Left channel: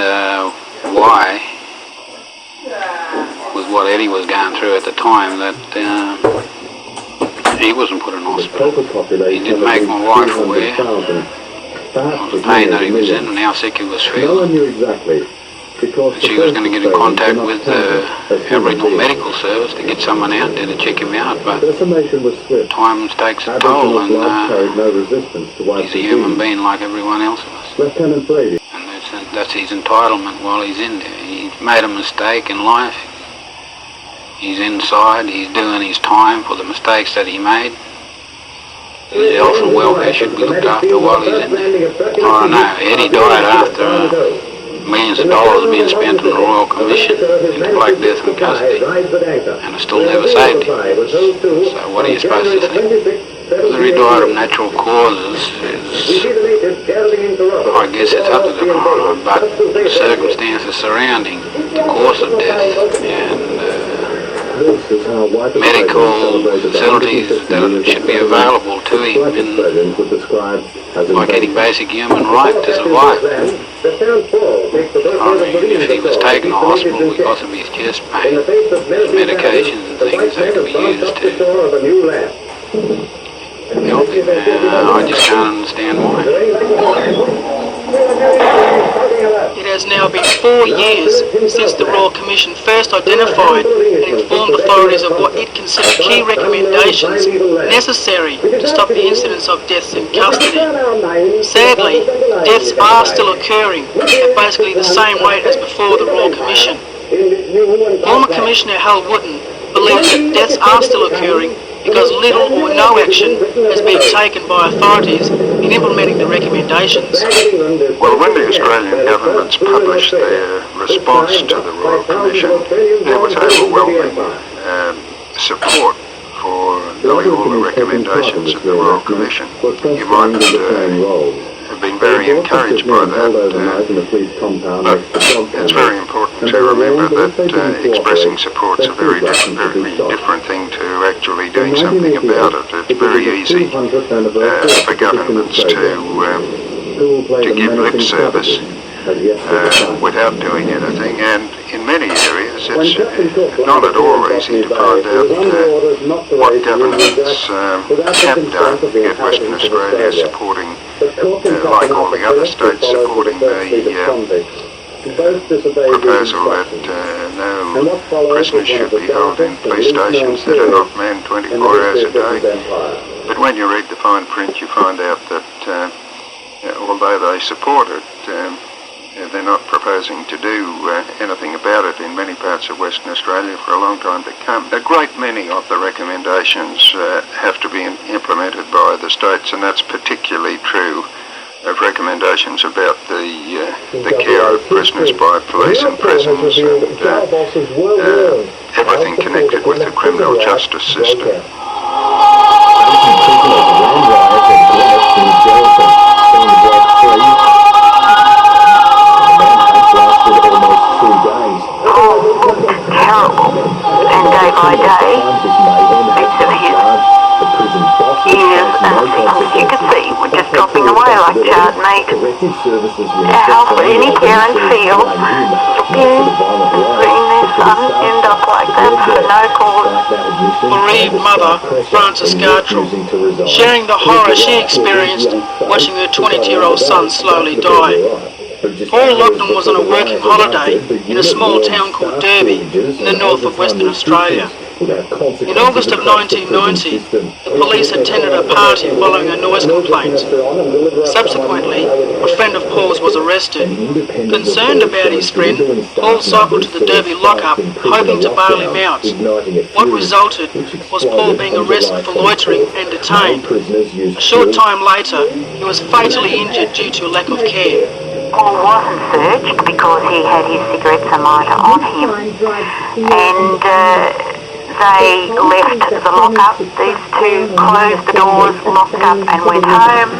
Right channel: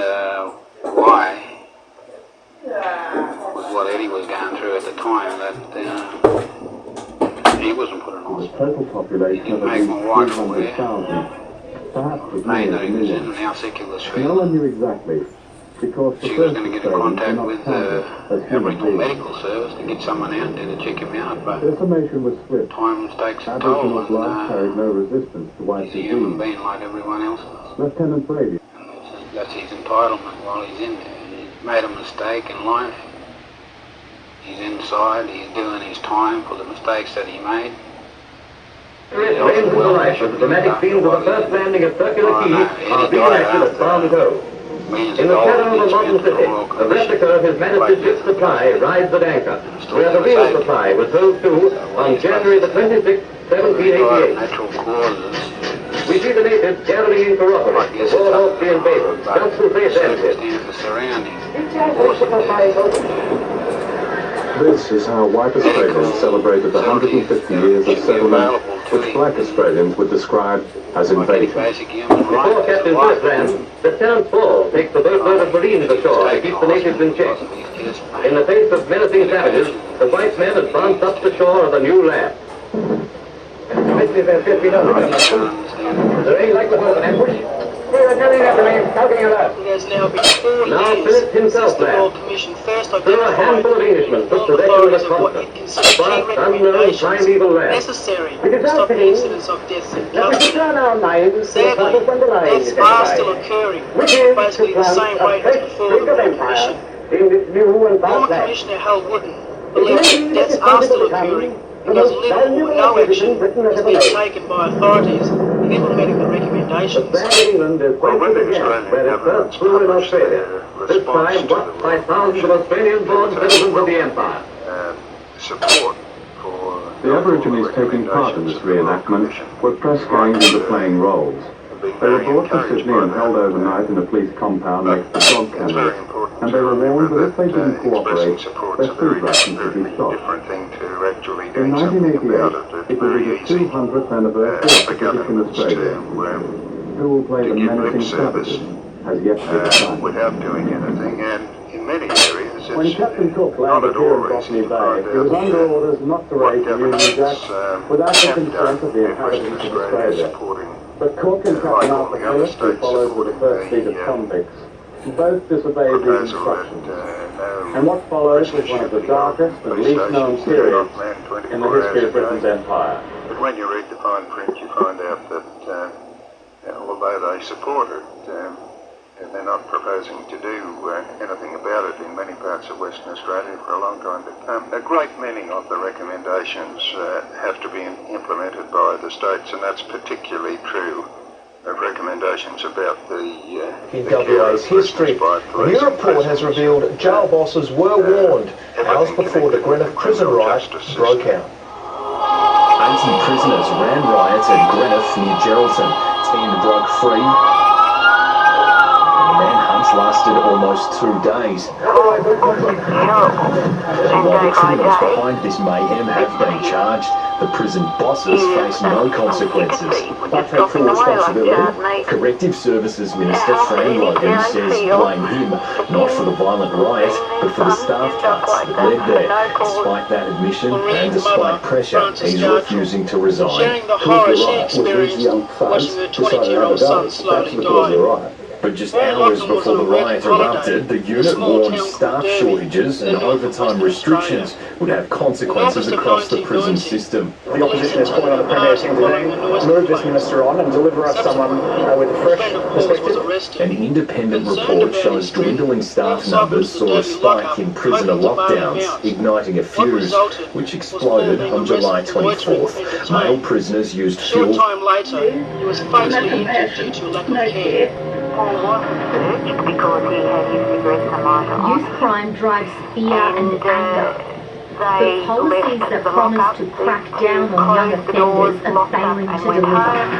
understand why, with what Eddie was going through at the time, that he wasn't put in hospital. He didn't make my wife aware of the pain that he was in and how sick he was feeling. No one knew exactly. She was going to get in contact with Aboriginal Medical Service to get someone out there to check him out, but time takes a toll, and he's a human being like everyone else of us. Lieutenant Brady. And that's his entitlement while he's in there. He's made a mistake in life. He's inside, he's doing his time for the mistakes that he made. His health and welfare should be looked after while he's in there. I don't know, Eddie died after millions of dollars being spent on the Royal Commission in Black Death and custody, and it still never saved him. So what are you supposed to think? Whether he died of natural causes is, I guess it's up to the coroner, but the circumstances surrounding the cause of death and This is how medical facilities that should be available to him Australians would describe as like any basic human right to survive. I mean, if he was taken to hospital because of his chest pain, medications and things that could be used to help him, I just can't understand why. It has now been 4 years since the Royal Commission first identified and informed authorities of what it considered key recommendations necessary to stop the incidence of deaths in custody. Sadly, deaths are still occurring at basically the same rate as before the Royal Commission. Former Commissioner Hal Wooden believes that deaths are still occurring because little or no action has been taken by authorities in implementing the recommendations. Well, when the Australian governments published their response to the Royal Commission, there was overwhelming support for doing all the recommendations of the Royal Commission. You might have been very encouraged by that, but it's very important to remember that expressing support's a very different thing to actually doing something about it. It's very easy for governments to give lip service without doing anything, and in many areas it's not at all easy to find out what governments have done to get Western Australia supporting, like all the other states, supporting the proposal that no prisoners should be held in police stations that are not manned 24 hours a day. But when you read the fine print, you find out that although they support it, they're not proposing to do anything about it in many parts of Western Australia for a long time to come. A great many of the recommendations have to be implemented by the states, and that's particularly true of recommendations about the care of prisoners by police and prisons, everything connected with the criminal justice system. 80 prisoners ran riot at Glenelg in Geraldton, being dragged free. The manhunts lasted almost 2 days. And day by day, Behind this mayhem have been charged. The prison bosses face no consequences. we're just dropping away like that, mate. Corrective Services Minister How could any parent feel blame him not for the violent riots, but for the staff end up like cuts that for no cause? Despite that admission, Bereaved and mother, despite pressure, Frances he's Gartrell, refusing to resign. sharing the horror she experienced watching her 22-year-old son slowly die. Paul Lachlan was on a working holiday in a small town called Derby in the north of Western Australia. In August of 1990, the police attended a party following a noise complaint. Subsequently, a friend of Paul's was arrested. Concerned about his friend, Paul cycled to the Derby lockup, hoping to bail him out. What resulted was Paul being arrested for loitering and detained. A short time later, he was fatally injured due to lack of care. Paul wasn't searched because he had his cigarette thermometer on him, and they left the lockup. These two closed the doors, locked up and went home.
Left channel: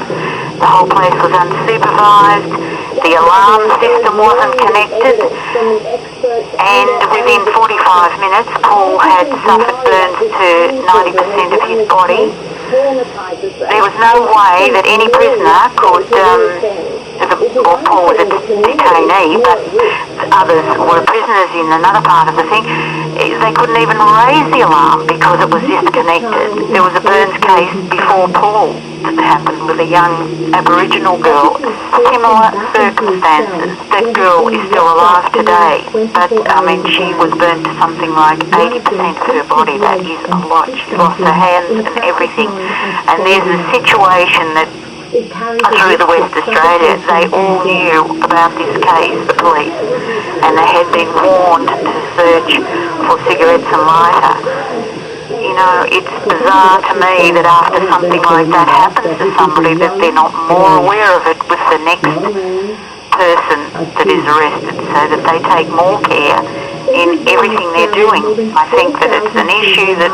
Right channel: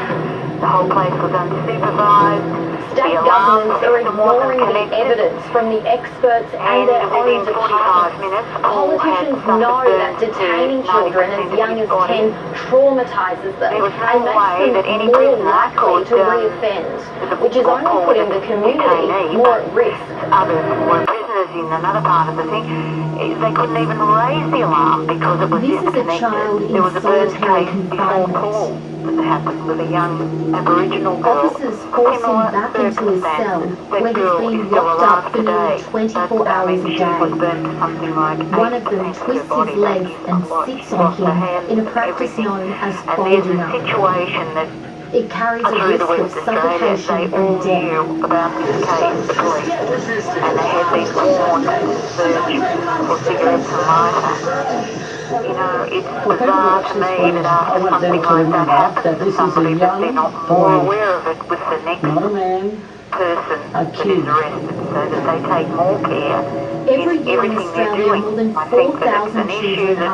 The whole place was unsupervised. The alarm system wasn't connected, and within 45 minutes Paul had suffered burns to 90% of his body. there was no way that any prisoner could, or Paul was a detainee, but others were prisoners in another part of the thing, they couldn't even raise the alarm because it was disconnected. There was a Burns case before Paul that happened with a young Aboriginal girl. Similar circumstances. That girl is still alive today, but she was burnt to something like 80% of her body. That is a lot. She lost her hands and everything. And there's a situation that through the West Australia, they all knew about this case, the police, and they had been warned to search for cigarettes and lighter. You know, it's bizarre to me that after something like that happens to somebody that they're not more aware of it with the next person that is arrested, so that they take more care in everything they're doing. I think that it's an issue that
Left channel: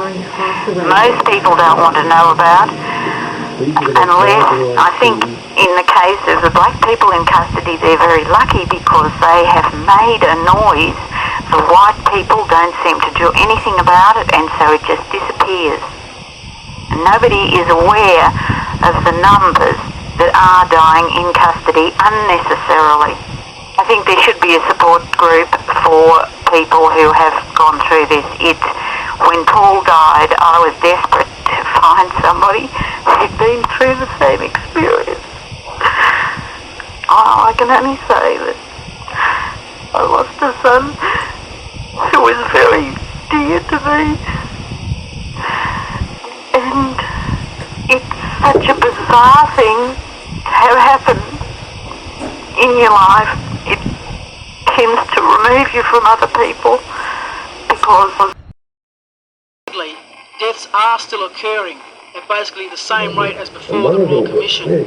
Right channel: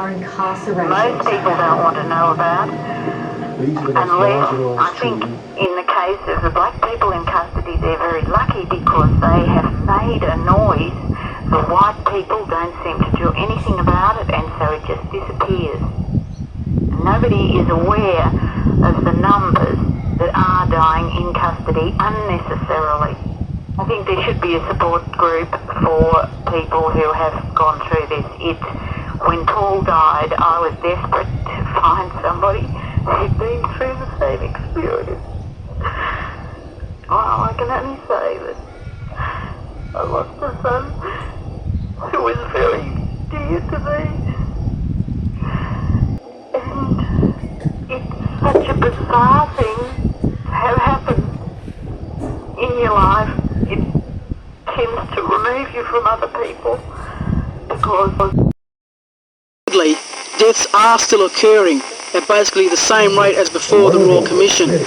most people don't want to know about, unless, I think, in the case of the black people in custody, they're very lucky because they have made a noise. The white people don't seem to do anything about it, and so it just disappears. And nobody is aware of the numbers that are dying in custody unnecessarily. I think there should be a support group for people who have gone through this. When Paul died, I was desperate to find somebody who'd been through the same experience. Oh, I can only say that I lost a son who was very dear to me, and it's such a bizarre thing to have happen in your life. It tends to remove you from other people because of... Deaths are still occurring at basically the same rate as before the Royal Commission.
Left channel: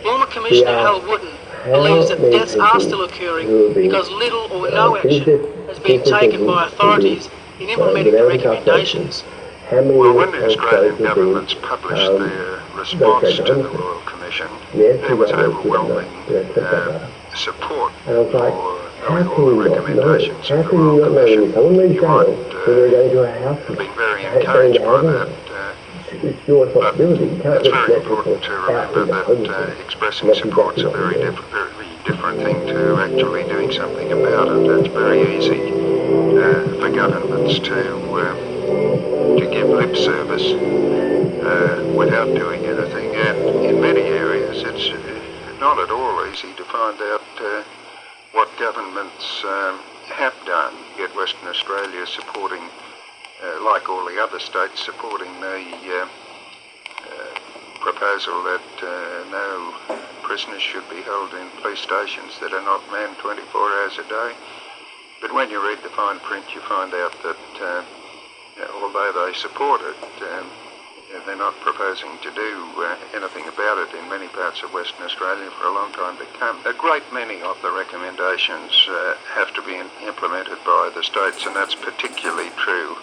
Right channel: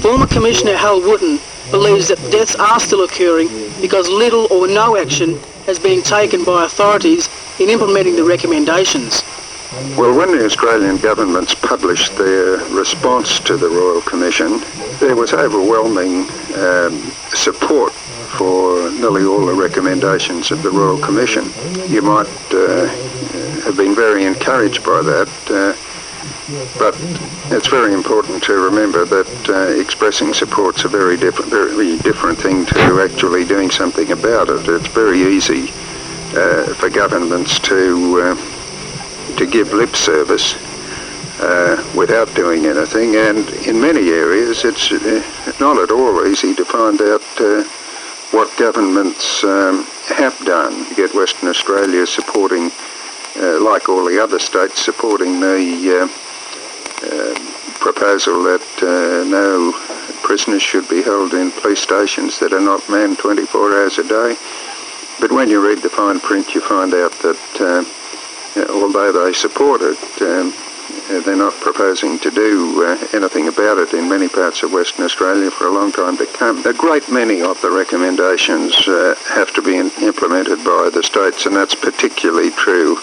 Former Commissioner Hal Wooten believes that deaths are still occurring because little or no action has been taken by authorities in implementing the recommendations. Well, when the Australian governments published their response to the Royal Commission, there was overwhelming support for nearly all the recommendations of the Royal Commission. You might have been very encouraged by that, but it's very important to remember that expressing support's a very different thing to actually doing something about it. It's very easy for governments to give lip service without doing anything, and in many areas it's not at all easy to find out what governments have done. You get Western Australia supporting, like all the other states, supporting the proposal that no prisoners should be held in police stations that are not manned 24 hours a day. But when you read the fine print, you find out that although they support it, they're not proposing to do anything about it in many parts of Western Australia for a long time to come. A great many of the recommendations have to be implemented by the states, and that's particularly true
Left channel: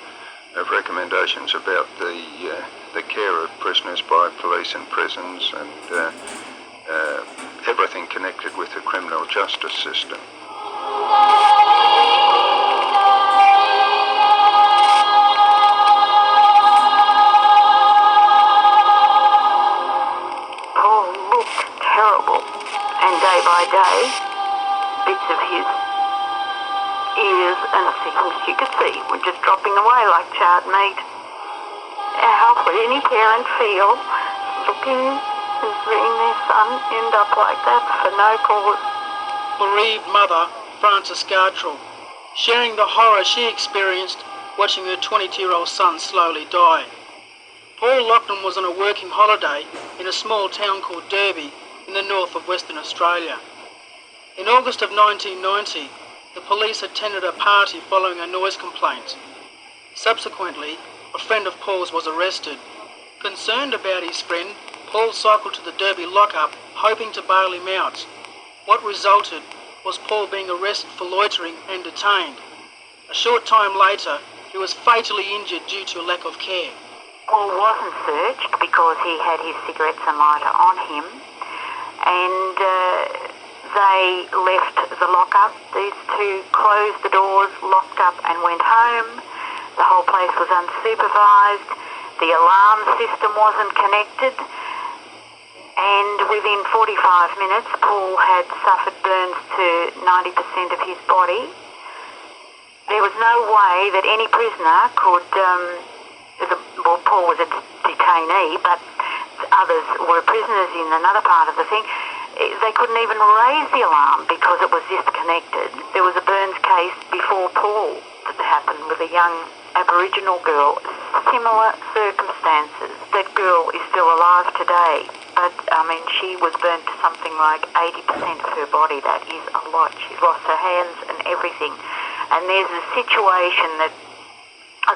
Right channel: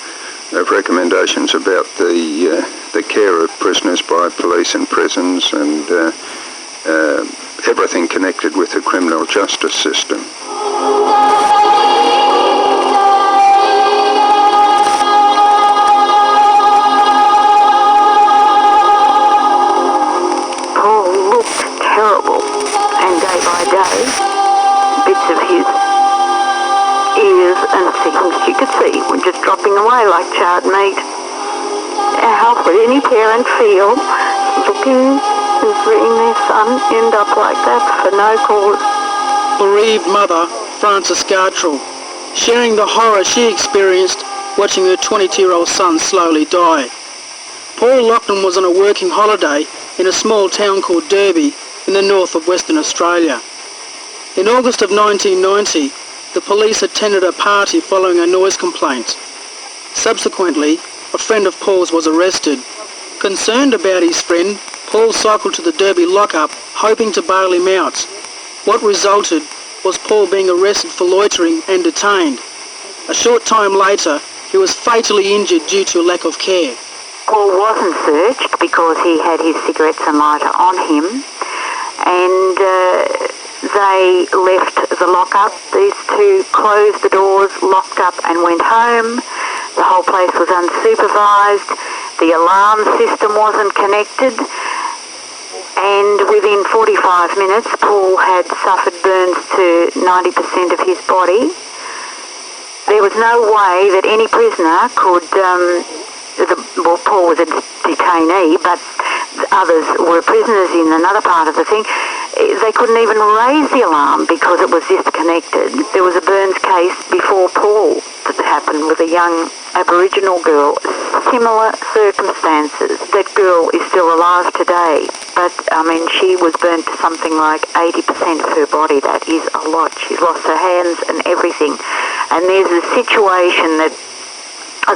of recommendations about the care of prisoners by police in prisons and everything connected with the criminal justice system. Bits of his ears and things you could see were just dropping away like charred meat. How could any parent feel looking and seeing their son end up like that for no cause? Bereaved mother, Frances Gartrell, sharing the horror she experienced watching her 22-year-old son slowly die. Paul Loughnan was on a working holiday in a small town called Derby in the north of Western Australia. In August of 1990, the police attended a party following a noise complaint. Subsequently, a friend of Paul's was arrested. Concerned about his friend, Paul cycled to the Derby lockup, hoping to bail him out. What resulted was Paul being arrested for loitering and detained. A short time later, he was fatally injured due to a lack of care. Paul wasn't searched because he had his cigarettes and lighter on him, and they left the lockup. These two closed the doors, locked up and went home. The whole place was unsupervised. the alarm system wasn't connected, and within 45 minutes Paul had suffered burns to 90% of his body. There was no way that any prisoner could, well, Paul was a detainee, but others were prisoners in another part of the thing. They couldn't even raise the alarm because it was disconnected. There was a burns case before Paul that happened with a young Aboriginal girl. Similar circumstances. That girl is still alive today, but I mean, she was burnt to something like 80% of her body. That is a lot. She's lost her hands and everything. And there's a situation that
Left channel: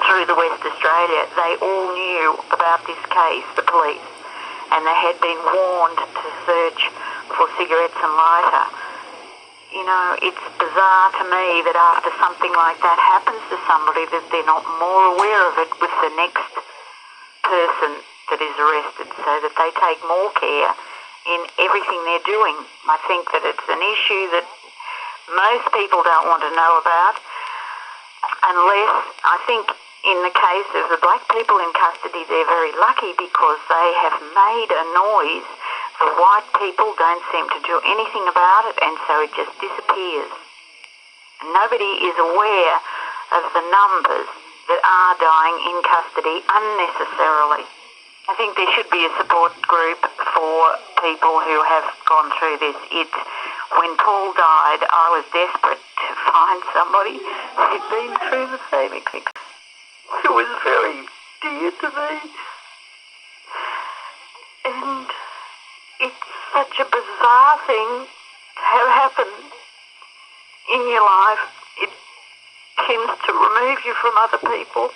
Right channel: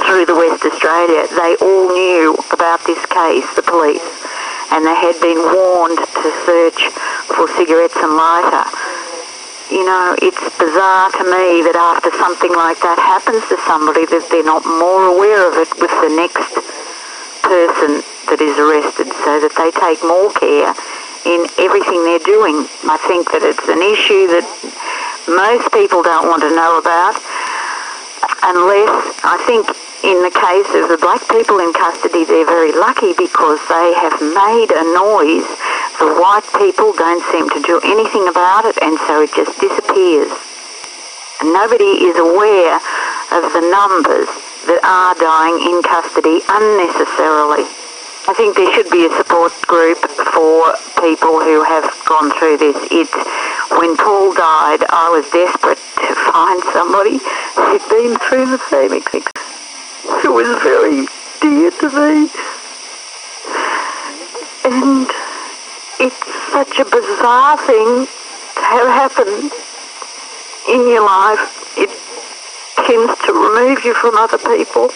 through the West Australia, they all knew about this case, the police, and they had been warned to search for cigarettes and lighter. You know, it's bizarre to me that after something like that happens to somebody, that they're not more aware of it with the next person that is arrested, so that they take more care in everything they're doing. I think that it's an issue that most people don't want to know about, unless, I think, in the case of the black people in custody, they're very lucky because they have made a noise. The white people don't seem to do anything about it, and so it just disappears. And nobody is aware of the numbers that are dying in custody unnecessarily. I think there should be a support group for people who have gone through this. When Paul died, I was desperate to find somebody who'd been through the same experience. It was very dear to me, and it's such a bizarre thing to have happen in your life. It tends to remove you from other people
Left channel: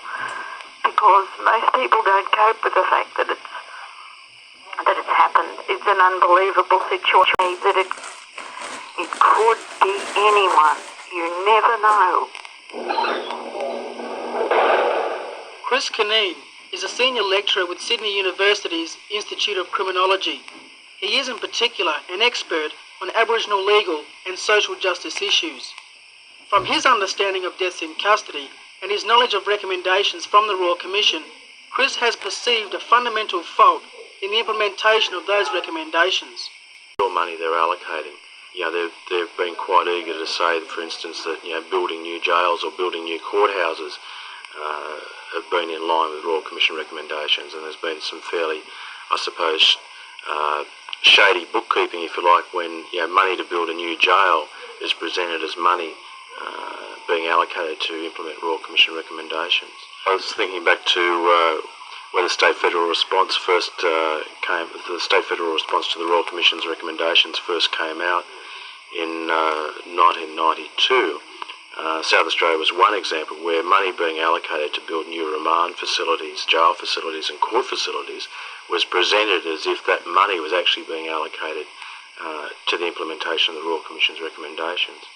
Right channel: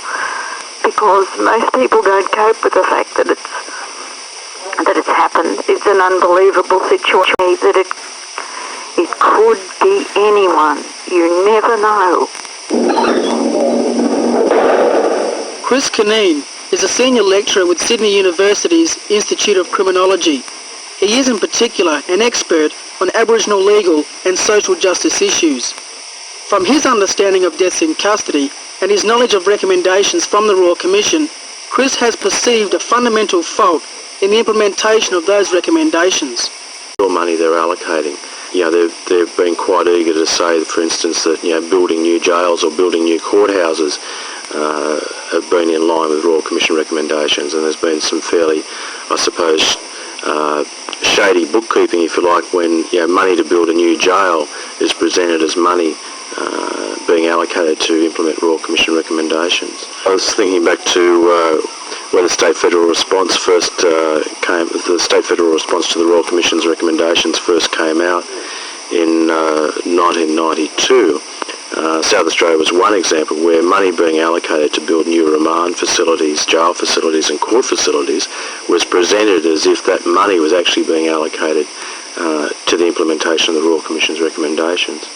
because most people don't cope with the fact that it's happened. It's an unbelievable situation that it could be anyone. You never know. Chris Cunneen is a senior lecturer with Sydney University's Institute of Criminology. He is in particular an expert on Aboriginal legal and social justice issues. From his understanding of deaths in custody and his knowledge of recommendations from the Royal Commission, Chris has perceived a fundamental fault in the implementation of those recommendations. More money they're allocating. They've been quite eager to say, for instance, that building new jails or building new courthouses have been in line with Royal Commission recommendations, and there's been some fairly, I suppose, shady bookkeeping, if you like, when money to build a new jail is presented as money being allocated to implement Royal Commission recommendations. I was thinking back to when the state federal response first came, the state federal response to the Royal Commission's recommendations first came out in 1992. South Australia was one example where money being allocated to build new remand facilities, jail facilities and court facilities was presented as if that money was actually being allocated to the implementation of the Royal Commission's recommendations.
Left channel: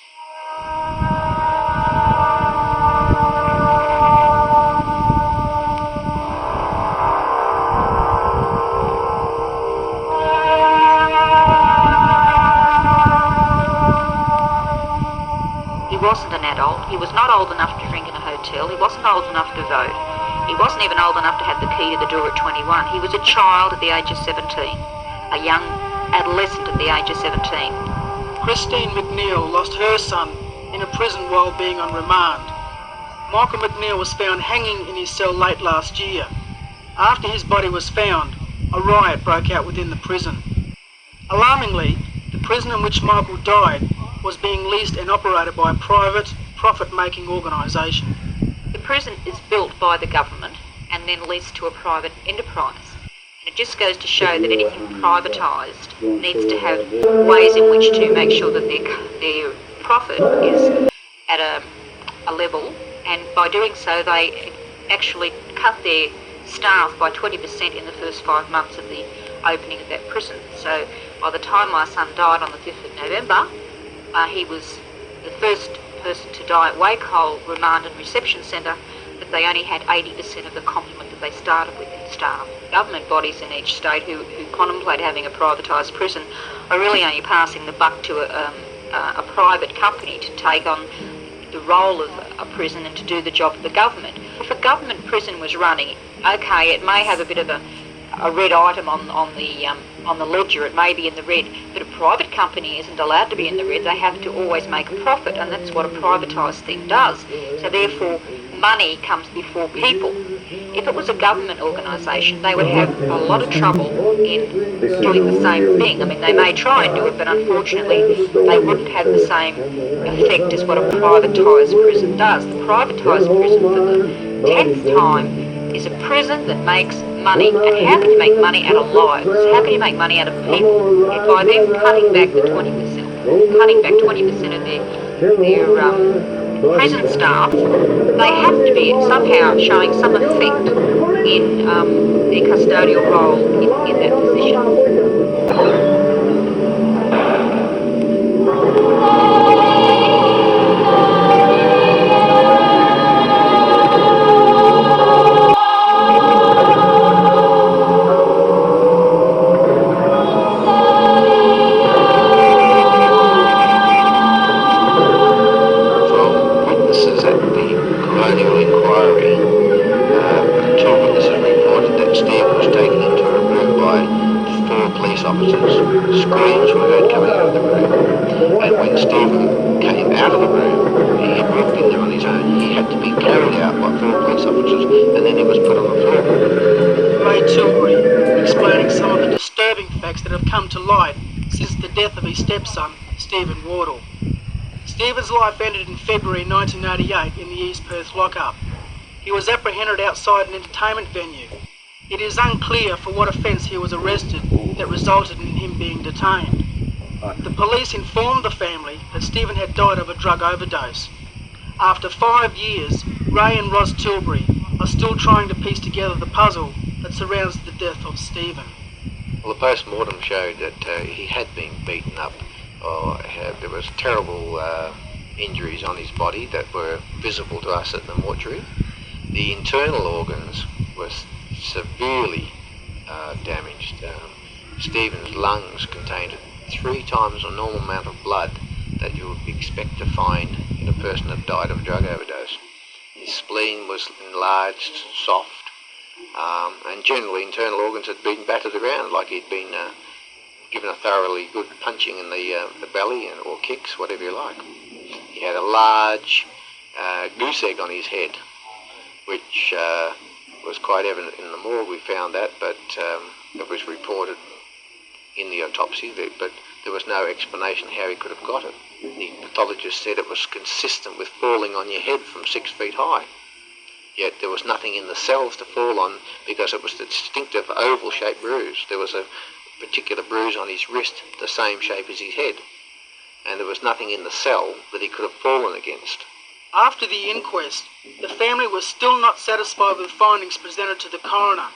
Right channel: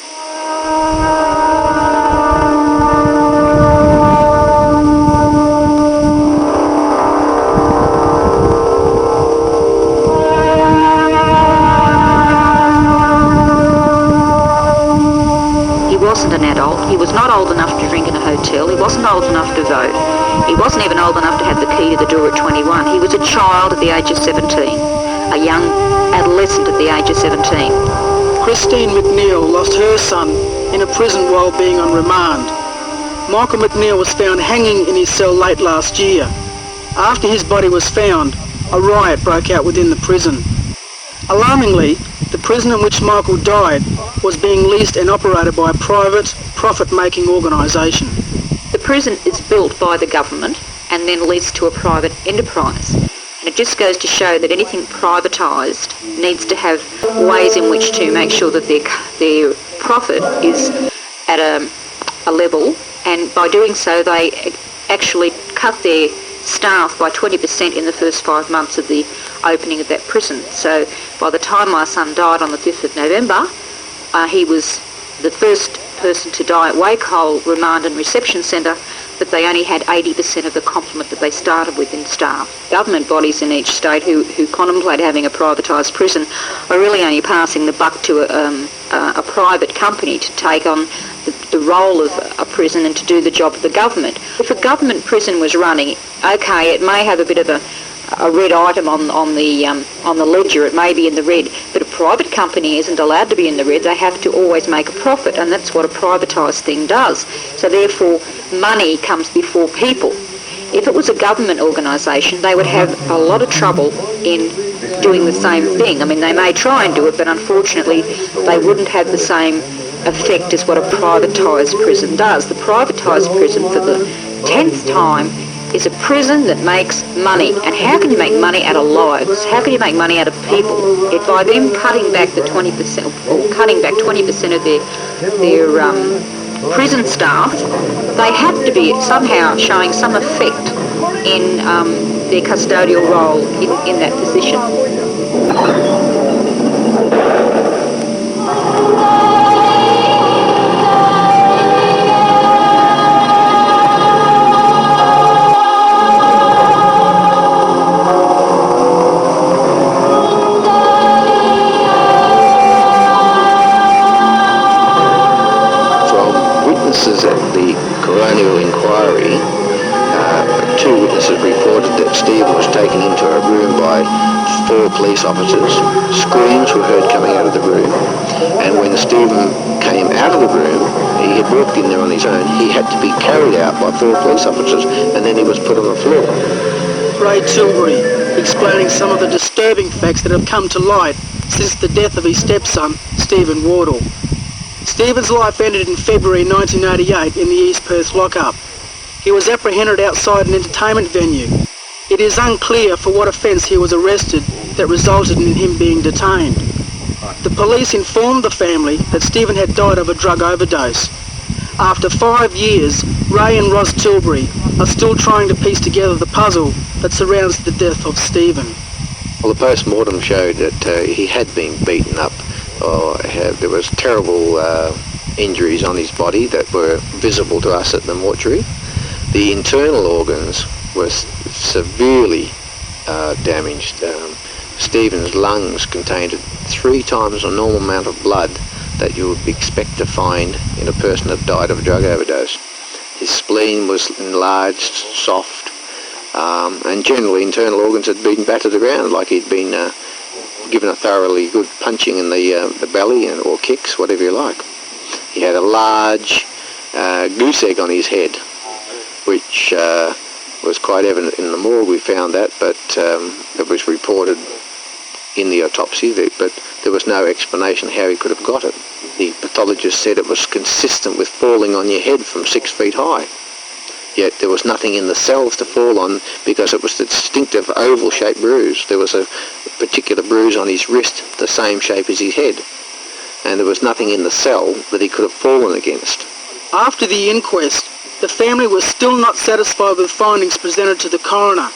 He wasn't an adult. He was not old enough to drink in a hotel. He wasn't old enough to vote. He wasn't even old enough to have the key to the door at 21. He was a child at the age of 17, a young adolescent at the age of 17. Christine McNeil lost her son in a prison while being on remand. Michael McNeil was found hanging in his cell late last year. After his body was found, a riot broke out within the prison. Alarmingly, the prison in which Michael died was being leased and operated by a private, profit-making organisation. The prison is built by the government and then leased to a private enterprise. And it just goes to show that anything privatised needs to have ways in which to make sure that their profit is at a level, and by doing so they actually cut their staff by 20% in the first 5 months of the opening of that prison. So by the time my son died on the 5th of November, he was the first person to die at Wakehole Remand and Reception Centre, that they only had 80% of the complement that they started with in staff. Government bodies in each state who contemplate having a privatised prison are really only passing the buck to a private company to take on the role of a prison and to do the job of the government. If a government prison was running, okay, it may have a bit of a red item on the ledger, it may be in the red, but a private company isn't allowed to be in the red. They have to always make a profit, and that's what a privatised thing does. So therefore, money comes before people. If it was a government organisation, they would have a lot of trouble in doing the same thing. I mean, they may try and do it, but unfortunately they wouldn't have the same effect as what a privatised prison does. The privatised prison, for the 10th time, is a prison that makes money. And how can you make money out of lives? How can you make money out of people? If by them cutting back the 20%, or cutting back 20% of their prison staff, they have to be somehow showing some effect in their custodial role in that position. Police officers. Screams were heard coming out of the room, and when Stephen came out of the room, he had walked in there on his own. He had to be carried out by 4 police officers, and then he was put on the floor. Ray Tilbury, explaining some of the disturbing facts that have come to light since the death of his stepson, Stephen Wardle. Stephen's life ended in February 1988 in the East Perth lockup. He was apprehended outside an entertainment venue. It is unclear for what offence he was arrested that resulted in him being detained. The police informed the family that Stephen had died of a drug overdose. After 5 years, Ray and Roz Tilbury are still trying to piece together the puzzle that surrounds the death of Stephen. Well, the post-mortem showed that he had been beaten up. There was terrible injuries on his body that were visible to us at the mortuary. The internal organs were severely damaged. Stephen's lungs contained 3 times the normal amount of blood that you would expect to find in a person that died of a drug overdose. His spleen was enlarged, soft, and generally internal organs had been battered around, like he'd been given a thoroughly good punching in the belly or kicks, whatever you like. He had a large goose egg on his head, which was quite evident in the morgue. We found that, but it was reported in the autopsy, but there was no explanation how he could have got it. The pathologist said it was consistent with falling on your head from 6 feet high. Yet there was nothing in the cells to fall on because it was the distinctive oval-shaped bruise. There was a particular bruise on his wrist, the same shape as his head. And there was nothing in the cell that he could have fallen against. After the inquest, the family was still not satisfied with findings presented to the coroner.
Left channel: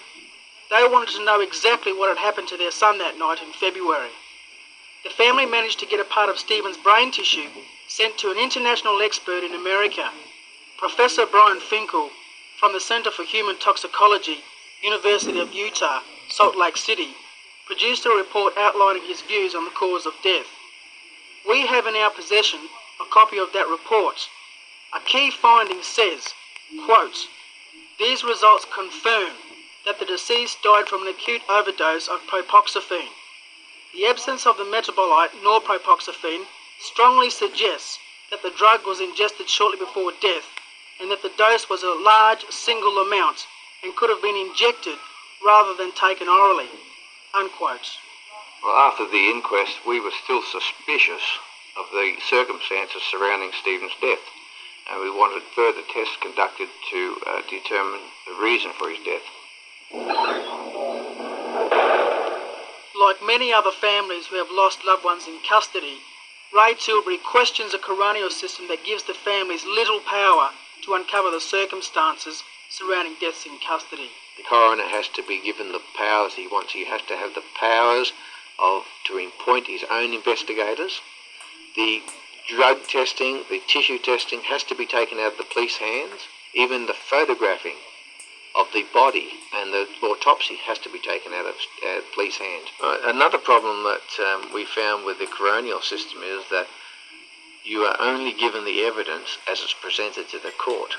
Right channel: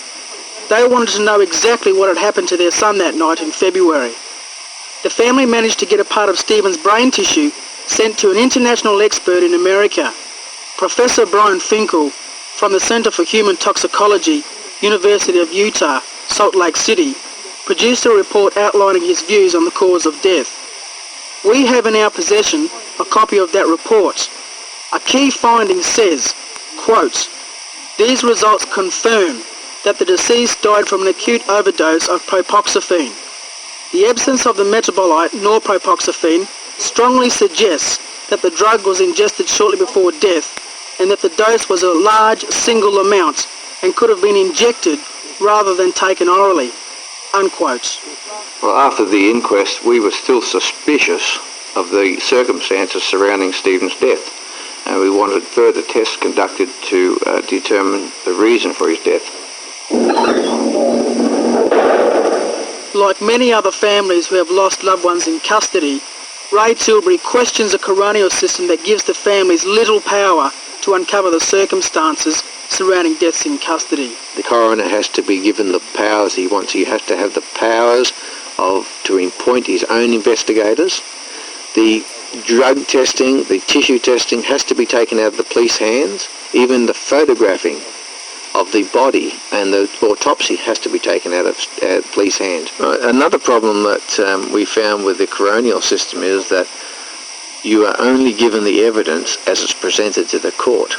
They wanted to know exactly what had happened to their son that night in February. The family managed to get a part of Stephen's brain tissue sent to an international expert in America. Professor Brian Finkel from the Center for Human Toxicology, University of Utah, Salt Lake City, produced a report outlining his views on the cause of death. We have in our possession a copy of that report. A key finding says, quote, "These results confirm that the deceased died from an acute overdose of propoxyphene. The absence of the metabolite norpropoxyphene strongly suggests that the drug was ingested shortly before death and that the dose was a large single amount and could have been injected rather than taken orally," unquote. Well, after the inquest, we were still suspicious of the circumstances surrounding Stephen's death, and we wanted further tests conducted to determine the reason for his death. Like many other families who have lost loved ones in custody, Ray Tilbury questions a coronial system that gives the families little power to uncover the circumstances surrounding deaths in custody. The coroner has to be given the powers he wants. He has to have the powers to appoint his own investigators. The drug testing, the tissue testing has to be taken out of the police hands. Even the photographing of the body and the autopsy has to be taken out of police hands. Another problem that we found with the coronial system is that you are only given the evidence as it's presented to the court.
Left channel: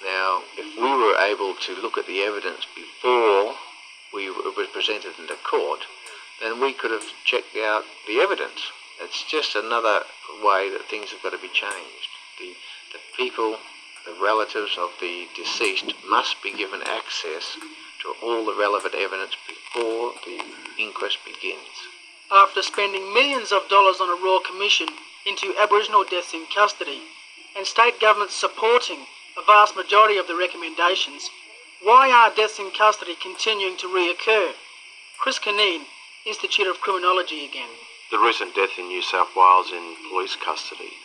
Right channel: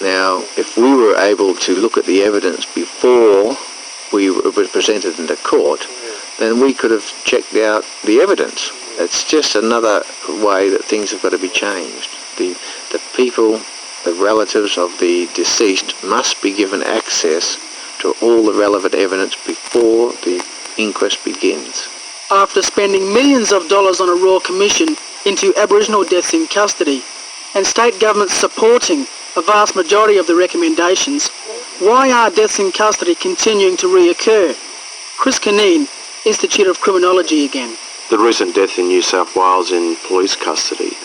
Now, if we were able to look at the evidence before it was presented in the court, then we could have checked out the evidence. It's just another way that things have got to be changed. The people, the relatives of the deceased, must be given access to all the relevant evidence before the inquest begins. After spending millions of dollars on a Royal Commission into Aboriginal deaths in custody, and state governments supporting a vast majority of the recommendations, why are deaths in custody continuing to reoccur? Chris Kineen, Institute of Criminology again. The recent death in New South Wales in police custody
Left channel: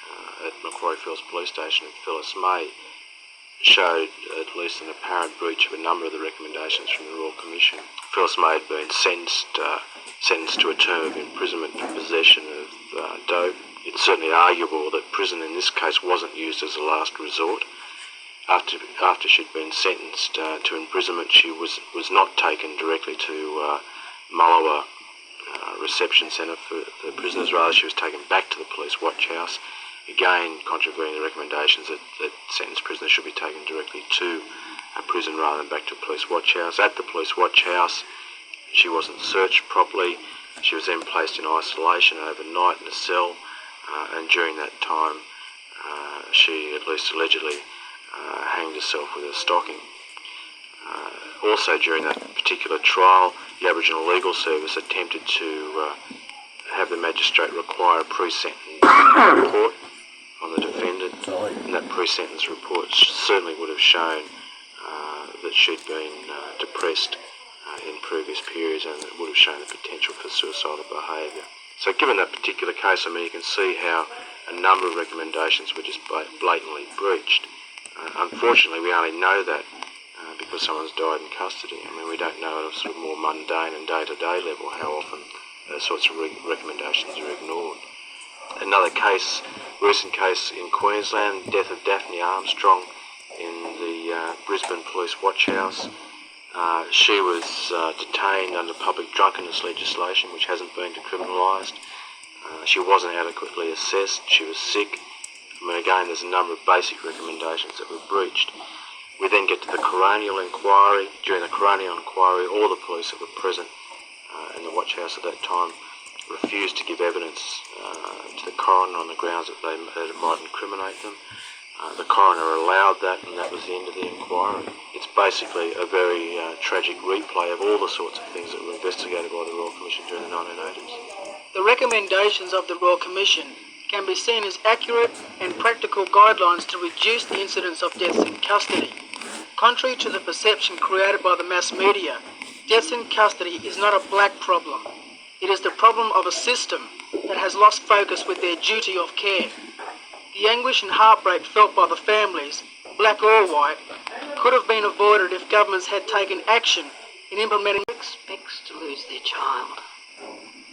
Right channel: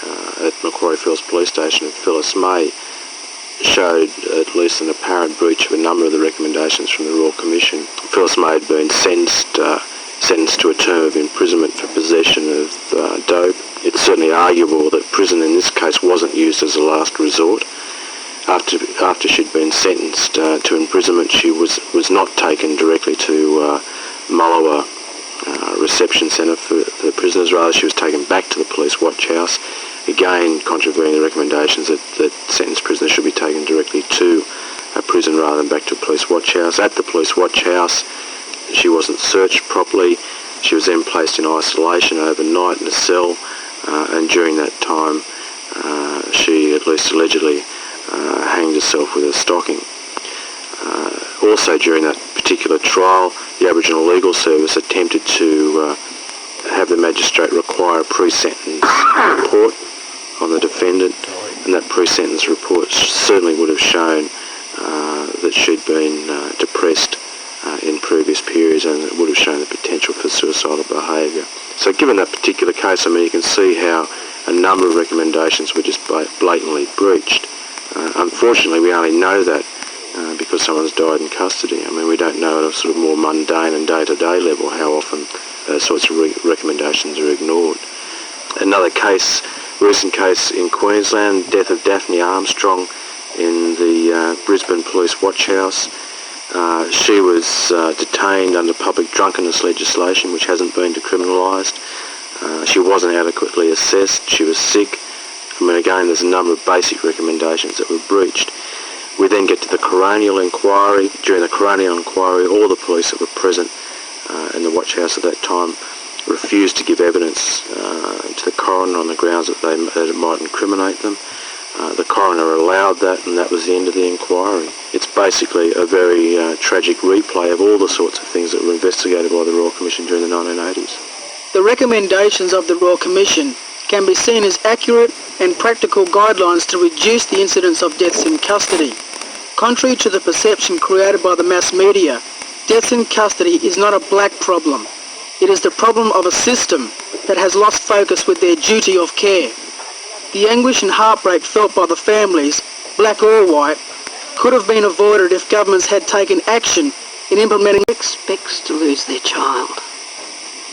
at Macquarie Fells Police Station of Phyllis May showed at least an apparent breach of a number of the recommendations from the Royal Commission. Phyllis May had been sentenced to a term of imprisonment for possession of dope. It's certainly arguable that prison in this case wasn't used as a last resort. After she'd been sentenced to imprisonment, she was not taken directly to Mullewa reception centre for prisoners. Rather, she was taken back to the police watch house, again contravening the recommendations that sentenced prisoners should be taken directly to a prison rather than back to a police watch house. At the police watch house, she wasn't searched properly. She was then placed in isolation overnight in a cell, and during that time she, at least allegedly, hanged herself with a stocking. Also during that particular trial, the Aboriginal Legal Service attempted to have the magistrate require a pre-sentence report on the defendant, and that pre-sentence report certainly would have shown that she'd been depressed in previous periods, and it would have shown the potential for suicidal behaviour. So given that particular case, I mean, you can see how a number of recommendations were just blatantly breached. Unfortunately, we only know that because someone's died in custody. I mean, we don't know at a sort of more mundane and day-to-day level how often those sorts of recommendations are ignored. Another case, recent case in Queensland, death of Daphne Armstrong in the Brisbane Police Watch House. She was detained under public drunkenness legislation, which hasn't been decriminalised. She wasn't adequately assessed. She was sick. I mean, again, there's a number of basic recommendations that were breached. We then get to the coronial inquiry. During the coronial inquiry, all the police that were present in the watch house at that time refused to give evidence to the coroner on the grounds that it might incriminate them. The coroner allowed that, and that was the end of the inquiry. It's basically a very tragic replay of all the sorts of things that were investigated by the Royal Commission during the 1980s. The recommendations of the Royal Commission can be seen as accurate and practical guidelines to reduce the incidence of deaths in custody. Contrary to the perception created by the mass media, deaths in custody is not a black problem. It is the problem of a system that has lost focus with their duty of care. The anguish and heartbreak felt by the families, black or white, could have been avoided if governments had taken action in implementing. Expects to lose their child.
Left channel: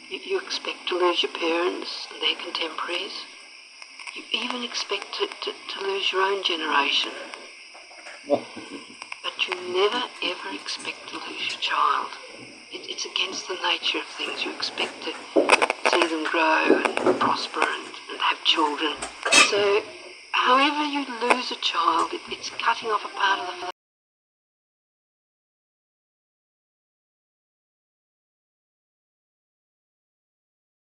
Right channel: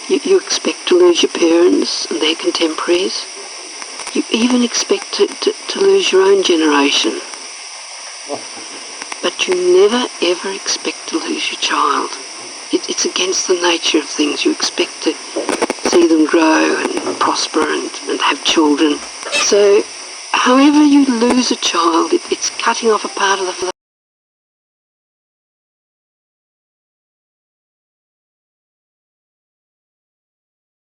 You expect to lose your parents and their contemporaries. You even expect to lose your own generation. But you never ever expect to lose your child. It's against the nature of things. You expect to see them grow and prosper and have children. So however you lose a child, it's cutting off a part of the